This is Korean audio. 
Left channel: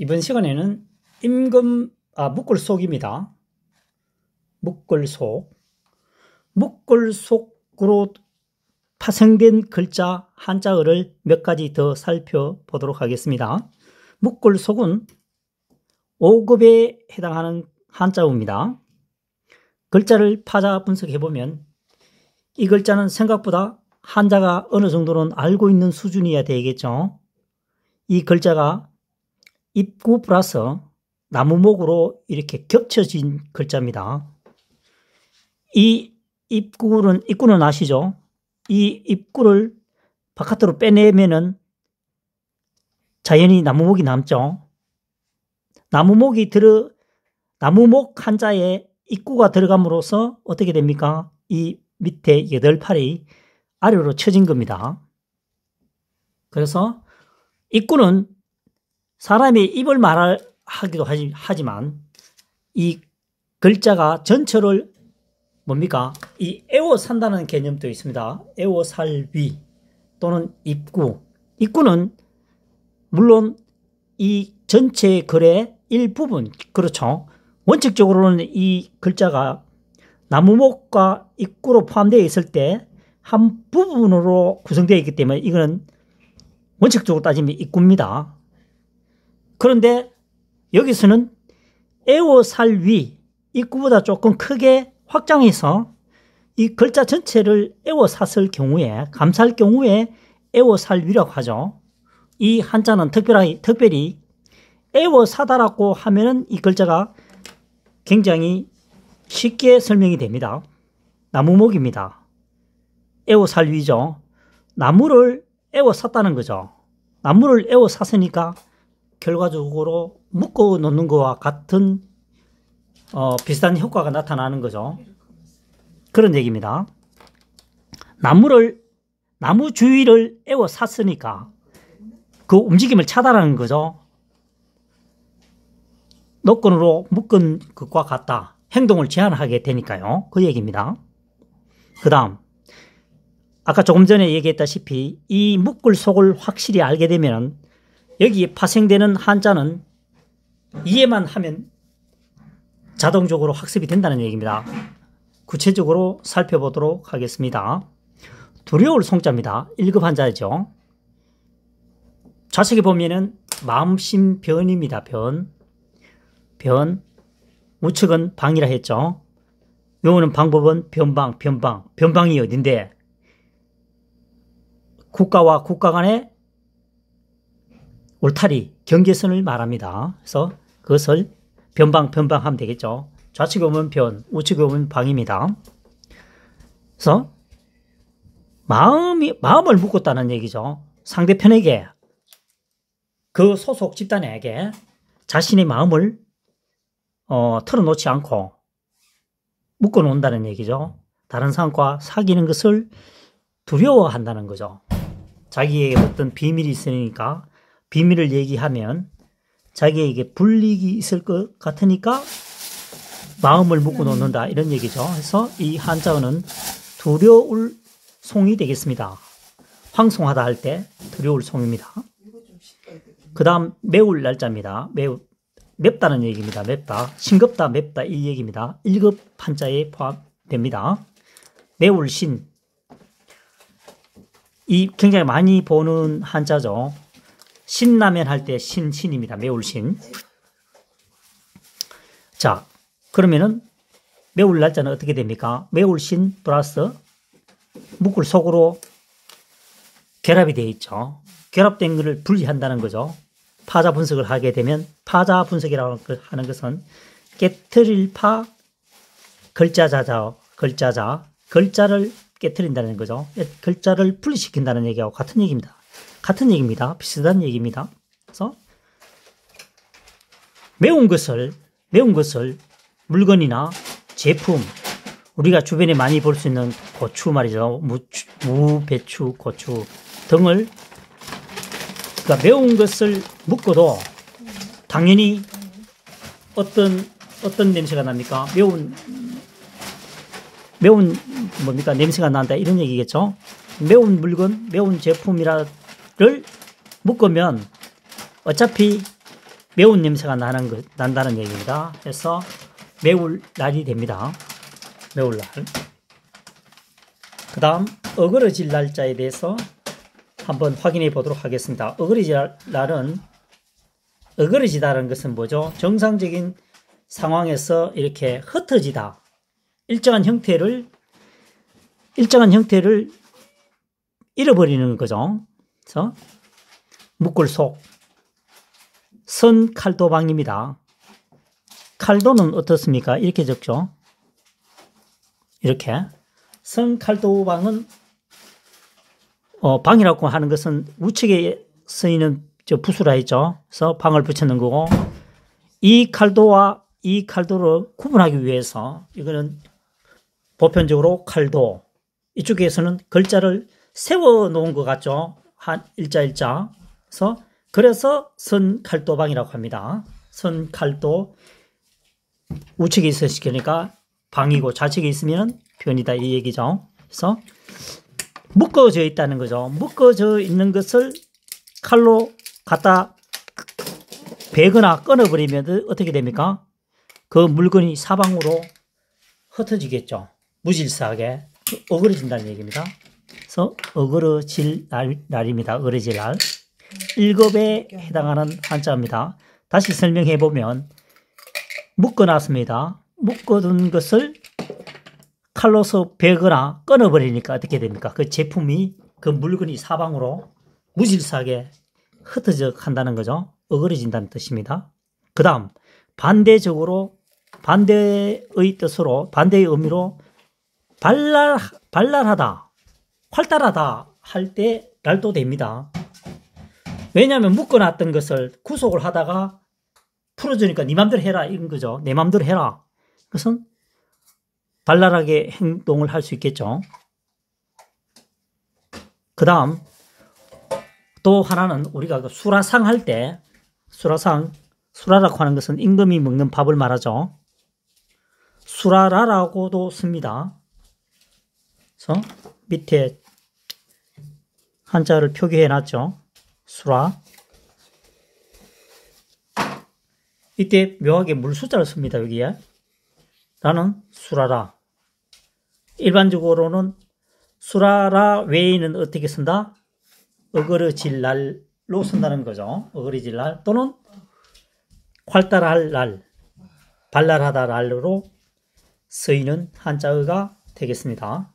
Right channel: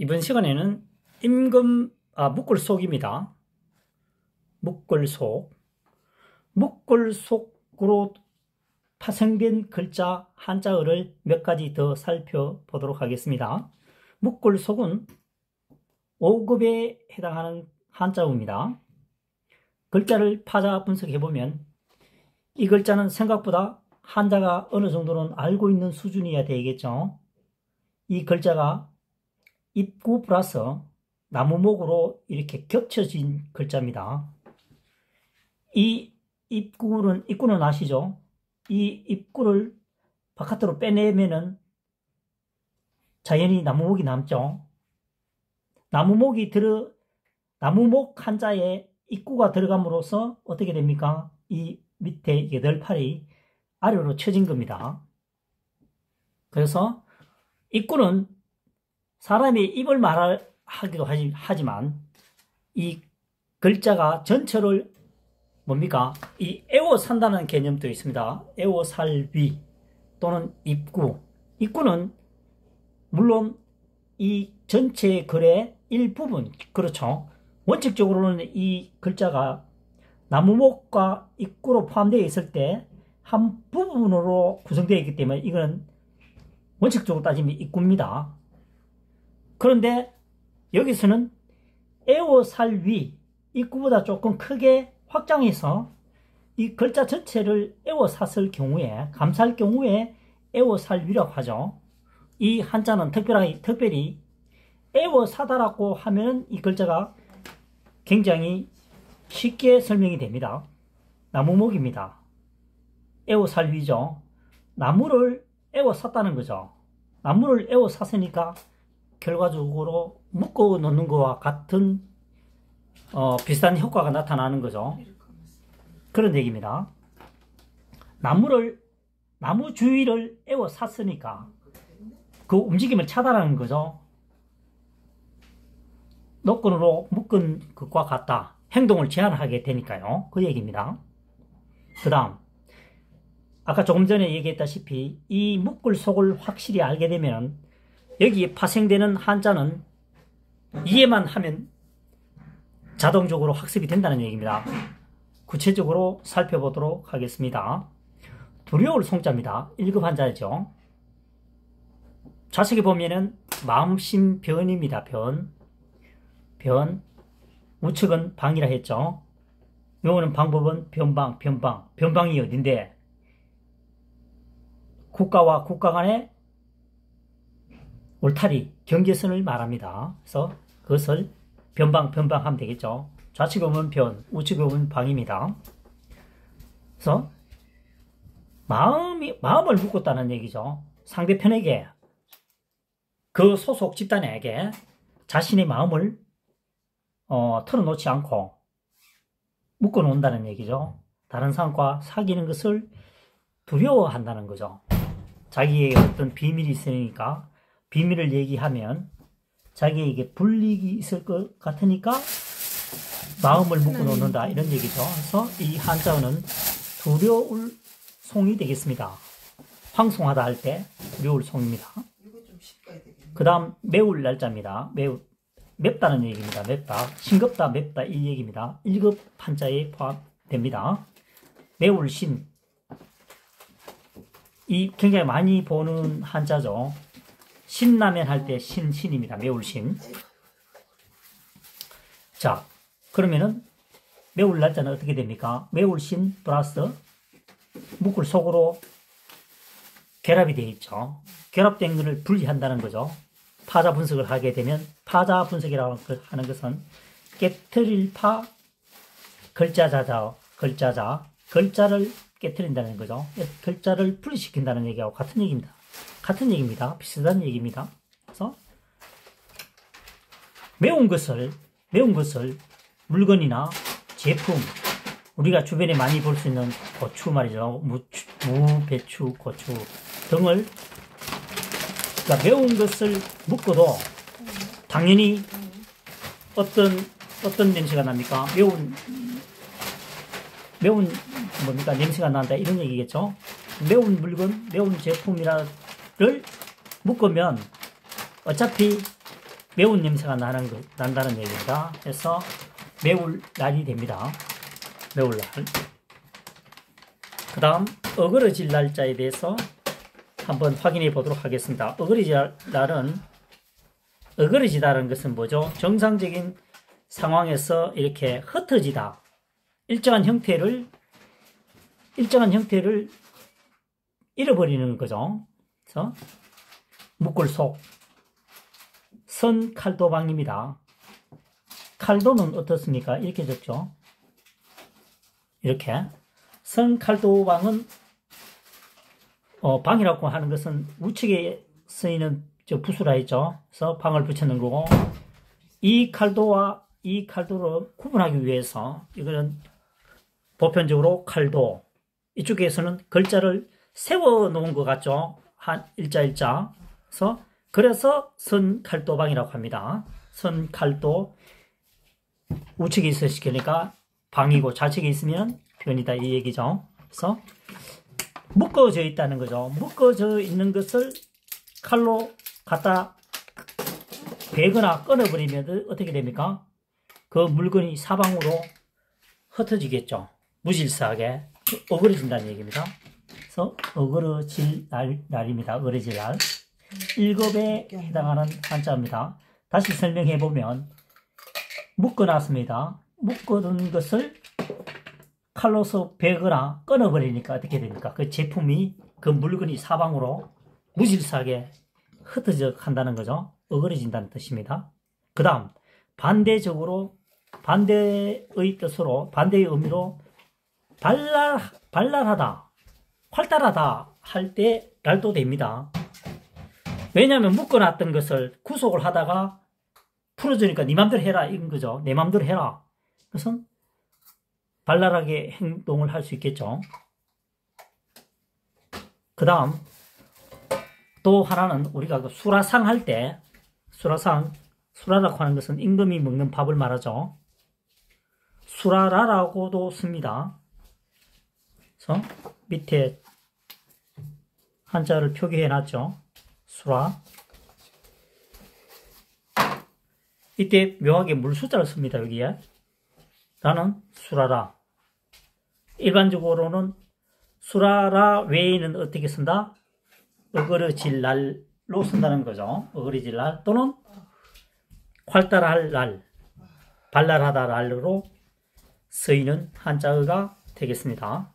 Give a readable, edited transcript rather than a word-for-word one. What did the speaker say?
이번 시간에는 묶을속입니다. 묶을속. 묶을속으로 파생된 글자, 한자어를 몇 가지 더 살펴보도록 하겠습니다. 묶을속은 5급에 해당하는 한자어입니다. 글자를 파자 분석해보면 이 글자는 생각보다 한자가 어느 정도는 알고 있는 수준이어야 되겠죠. 이 글자가 입구 플러스 나무목으로 이렇게 겹쳐진 글자입니다. 이 입구는 아시죠? 이 입구를 바깥으로 빼내면은 자연히 나무목이 남죠. 나무목 한자에 입구가 들어감으로써 어떻게 됩니까? 이 밑에 8팔이 아래로 쳐진 겁니다. 그래서 입구는 사람의 입을 말하기도 하지만 이 글자가 전체를 뭡니까? 이 에워산다는 개념도 있습니다. 에워살위 또는 입구. 입구는 물론 이 전체 글의 일부분, 그렇죠. 원칙적으로는 이 글자가 나무목과 입구로 포함되어 있을 때 한 부분으로 구성되어 있기 때문에 이거는 원칙적으로 따지면 입구입니다. 그런데 여기서는 에워살위, 입구보다 조금 크게 확장해서 이 글자 전체를 에워쌌을 경우에, 감쌀 경우에 에워살위라고 하죠. 이 한자는 특별히 에워사다라고 하면은 이 글자가 굉장히 쉽게 설명이 됩니다. 나무목입니다. 에워살위죠. 나무를 에워쌌다는 거죠. 나무를 에워쌌으니까 결과적으로 묶어 놓는 것과 같은 비슷한 효과가 나타나는 거죠. 그런 얘기입니다. 나무 주위를 에워쌌으니까 그 움직임을 차단하는 거죠. 노건으로 묶은 것과 같다. 행동을 제한하게 되니까요. 그 얘기입니다. 그 다음 아까 조금 전에 얘기했다시피 이 묶을속을 확실히 알게 되면 여기에 파생되는 한자는 이해만 하면 자동적으로 학습이 된다는 얘기입니다. 구체적으로 살펴보도록 하겠습니다. 두려울 송자입니다. 1급 한자죠. 좌측에 보면은 마음심 변입니다. 변. 우측은 방이라 했죠. 요거는 방법은 변방이 어딘데? 국가와 국가 간의 울타리, 경계선을 말합니다. 그래서 그것을 변방하면 되겠죠. 좌측에 보면 변, 우측에 보면 방입니다. 그래서 마음을 묶었다는 얘기죠. 상대편에게, 그 소속 집단에게 자신의 마음을 털어놓지 않고 묶어놓는다는 얘기죠. 다른 사람과 사귀는 것을 두려워한다는 거죠. 자기에게 어떤 비밀이 있으니까 비밀을 얘기하면 자기에게 불이익이 있을 것 같으니까 마음을 묶어놓는다, 이런 얘기죠. 그래서 이 한자어는 두려울 송이 되겠습니다. 황송하다 할 때 두려울 송입니다. 그 다음 매울 날짜입니다. 맵다는 얘기입니다. 맵다, 싱겁다, 맵다, 이 얘기입니다. 1급 한자에 포함됩니다. 매울 신, 이 굉장히 많이 보는 한자죠. 신라면 할 때 신입니다. 매울 신. 자, 그러면은 매울 날짜는 어떻게 됩니까? 매울 신 플러스 묶을 속으로 결합이 되어 있죠. 결합된 것을 분리한다는 거죠. 파자 분석을 하게 되면 파자 분석이라고 하는 것은 깨트릴 파, 글자를 깨트린다는 거죠. 글자를 분리시킨다는 얘기하고 같은 얘기입니다. 비슷한 얘기입니다. 그래서 매운 것을 물건이나 제품, 우리가 주변에 많이 볼 수 있는 고추 말이죠. 무, 배추, 고추 등을, 그러니까 매운 것을 묶어도 당연히 어떤 냄새가 납니까? 매운 뭡니까? 냄새가 난다, 이런 얘기겠죠. 매운 물건, 매운 제품이라를 묶으면 어차피 매운 냄새가 난다는 얘기입니다. 그래서 매울 날이 됩니다. 매울 날. 그 다음 어그러질 날짜에 대해서 한번 확인해 보도록 하겠습니다. 어그러질 날은, 어그러지다는 것은 뭐죠? 정상적인 상황에서 이렇게 흩어지다. 일정한 형태를 잃어버리는 거죠. 그래서 묶을 속. 선칼도방입니다. 칼도는 어떻습니까? 이렇게 적죠. 이렇게. 선칼도방은 방이라고 하는 것은 우측에 쓰이는 붓으로 했죠. 그래서 방을 붙여놓은 거고, 이 칼도와 이 칼도를 구분하기 위해서 이거는 보편적으로 칼도, 이쪽에서는 글자를 세워 놓은 것 같죠. 한 일자. 그래서 선칼도방이라고 합니다. 선칼도, 우측에 있으시니까 방이고 좌측에 있으면 변이다 이 얘기죠. 그래서 묶어져 있다는 거죠. 묶어져 있는 것을 칼로 갖다 베거나 끊어버리면 어떻게 됩니까? 그 물건이 사방으로 흩어지겠죠. 무질서하게 어그러진다는 얘기입니다. 그래서 어그러질 날입니다. 어그러질 날. 1급에 해당하는 한자입니다. 다시 설명해 보면 묶어놨습니다. 묶어둔 것을 칼로서 베거나 끊어버리니까 어떻게 됩니까? 그 제품이, 그 물건이 사방으로 무질서하게 흩어져 간다는 거죠. 어그러진다는 뜻입니다. 그 다음 반대적으로, 반대의 뜻으로, 반대의 의미로 발랄하다, 활달하다 할 때 날도 됩니다. 왜냐하면 묶어놨던 것을 구속을 하다가 풀어주니까 네 맘대로 해라 이런 거죠. 내 맘대로 해라. 그것은 발랄하게 행동을 할 수 있겠죠. 그 다음 또 하나는 우리가 그 수라상 할 때, 수라라고 하는 것은 임금이 먹는 밥을 말하죠. 수라라라고도 씁니다. 그래서 밑에 한자를 표기해 놨죠. 수라. 이때 묘하게 물수자를 씁니다. 여기에. 라는 수라라. 일반적으로는 수라라 외에는 어떻게 쓴다? 어그러질 날로 쓴다는 거죠. 어그러질 날 또는 활달할 날, 발랄하다 날로 쓰이는 한자어가 되겠습니다.